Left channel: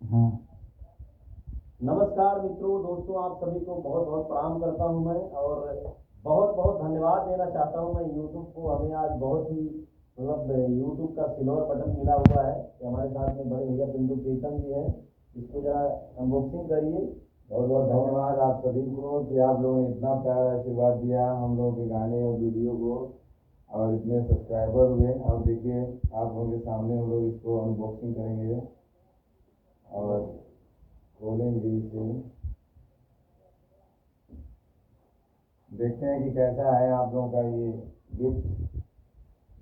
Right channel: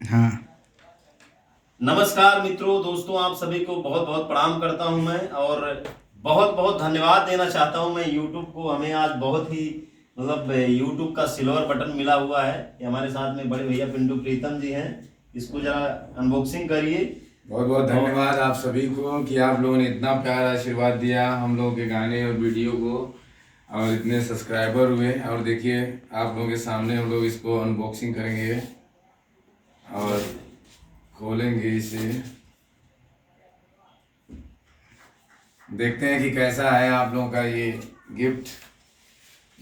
हाँ। नमस्कार मित्रों, दोस्तों, आप सभी को बहुत बहुत प्रणाम करता हूं मैं और बहुत बहुत धन्यवाद देना चाहता हूं मैं यूट्यूब को। हमें आज बहुत ही यूट्यूब का सिल्वर बटन मिला हुआ है। ये हमारे साथ में बड़े भैया पिंटू प्रीतम जी हैं। इसको जरा अनबॉक्सिंग करिए। बहुत बहुत धन्यवाद आप सभी को कि आप लोगों ने इतना प्यार आशीर्वाद दिया हम लोगों के गाने और वीडियो को, और इतने सब्सक्राइबर हुए। और देखिए आप लोगों के सामने हम लोग इसको अनबॉक्सिंग करेंगे और खोलेंगे इसे, देखते हैं कि कैसा है आप लोगों का ये गिफ्ट।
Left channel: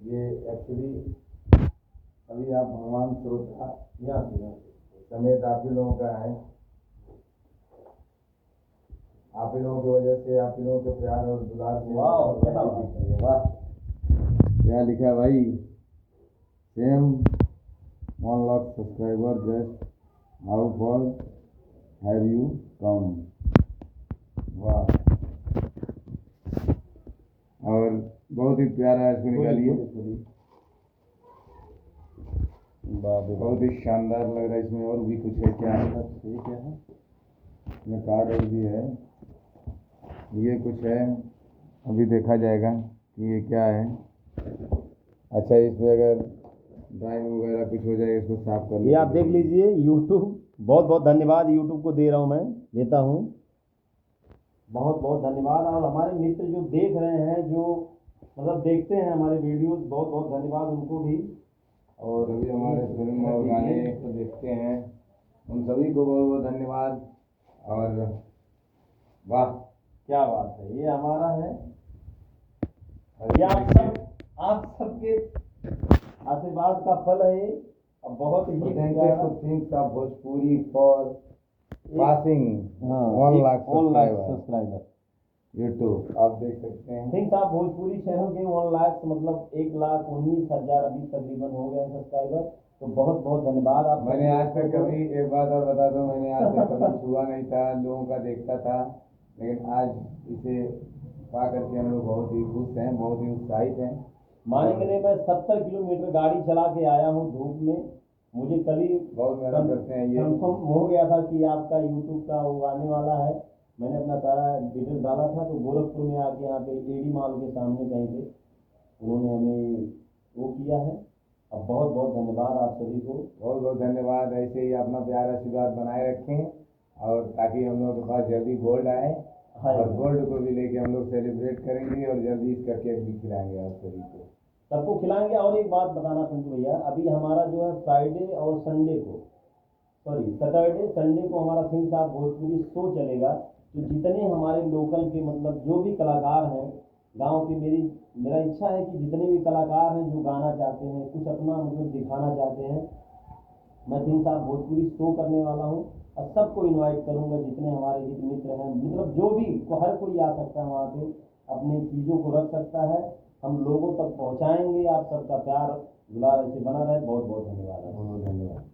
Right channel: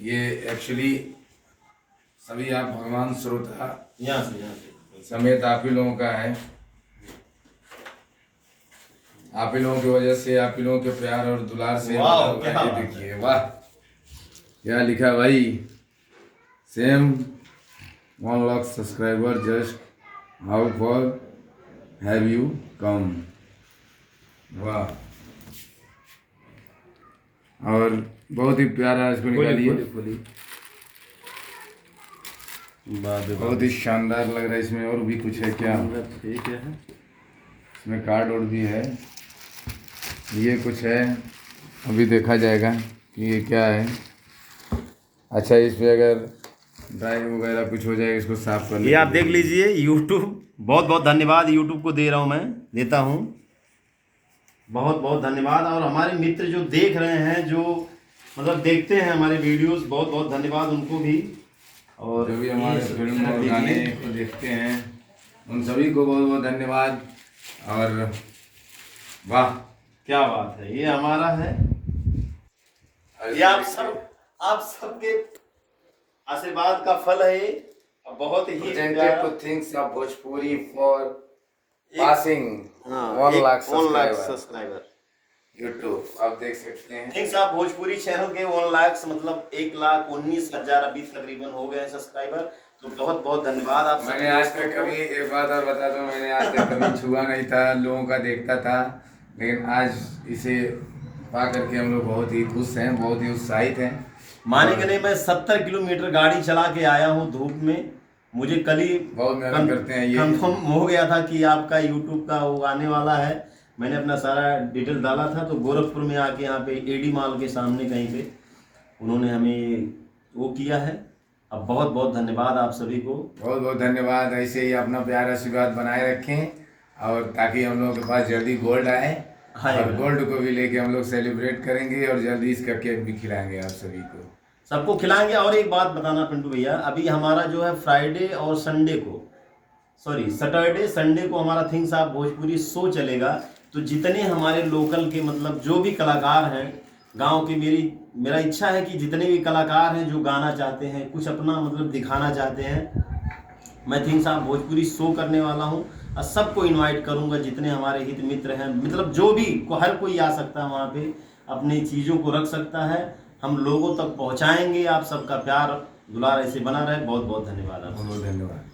ये एक्चुअली सभी आप भगवान श्रोता यहाँ से समेत आप ही लोगों का है। आप ही लोगों की वजह से, आप ही लोगों के प्यार और दुलार से वाह, क्या ये बात देखिए, वाह क्या लिखा भाई। Same 1 lakh subscriber just how for have you come. वाह, और बहुत ही प्यारा इसको निकालिए। बहुत ही शानदार लग रहा है। इसमें और भी कुछ है क्या? ठीक है, इसमें कार्ड और भी है, ये कुछ है, अभी देखा जाएगा कि ये क्या है। अच्छा, इसमें अगर ड्राइंग वगैरह कुछ हो जाएगा इसको साफ कर ये आप देख लीजिए। यूट्यूब, बहुत बहुत धन्यवाद यूट्यूब को दे रहा हूँ, मैं देता हूँ बहुत बहुत धन्यवाद। और हमारे मित्र जो देख रहे हैं, जो देखते हैं हमारे वीडियोस, बहुत बहुत धन्यवाद उनको भी। और जो भी हमारे फिल्म और गाने को देखते हैं उन सभी को बहुत बहुत धन्यवाद। और वाह क्या बात है, ये हमारा है। ये आप सबके आशीर्वाद का फल है ये। बहुत he presented two things of Bhojpuri for passing 1 lakh subscriber YouTube. आप देख सकते हैं थिंग्स ऑफ भोजपुरी चैनल के 1 लाख 1,19,000 अभी तकरीबन हो गए हैं सब्सक्राइबर। तो बहुत बहुत धन्यवाद आप। मैंने आज तक कभी, एक बात और बता दूं, मैंने आज तक कभी छुआ नहीं था, लोगों का देखता था, लेकिन आज इसे पा करके हम लोग बहुत ही खुश हैं, बहुत ही उत्साहित हैं। मानेंगे नहीं, मैं 70 किलोमीटर गाड़ी चला के आया हूँ धूप में। मुझे कल ही बहुत मेहनत करते हैं, ये कंफर्म हो गया था कि आपका यूट्यूब का वो आने वाला है। मैंने अपना सारा डिटेल डाला था, तो गोरखपुर में आके यहाँ पे एडी मॉल के सामने कहीं पे उन्होंने हमें वो किया है। अब बहुत बहुत धन्यवाद आप सभी को, बहुत बहुत धन्यवाद। ऐसे ही अपना प्यार आशीर्वाद बनाए रखें और ताकि हम लोग के पास जल्दी गोल्ड आए, और गोल्ड को भी लेके हम लोग सेलिब्रेट करेंगे और जल्दी इसका केक भी खिलाएंगे आप सभी को, सबको खिलाएंगे। और एक बात बताना पिंटू भैया, अभी हमारा जो है फ्राइडे और संडे को, सैटरडे संडे को हमारा थिंग्स ऑफ भोजपुरी शो चलेगा। तो जितने हमारे लोकल के जो भी कलाकार हैं गांव के, मेरा इच्छा है कि जितने भी कलाकार हैं जो गाना चाहते हैं, कुछ अपना दिखाना चाहते हैं, मैं थिंग्स ऑफ भोजपुरी शो करने वाला हूं। और सबको इनवाइट करूंगा, जितने हमारे हित मित्र हैं, जो भी हर कोई आ सकता है वहाँ पे, अपनी चीज़ों को रख सकता है। हम लोगों तक पहुँचाएंगे। आप सबका प्यार दुलार ऐसे बना रहे। बहुत बहुत धन्यवाद। बहुत धन्यवाद।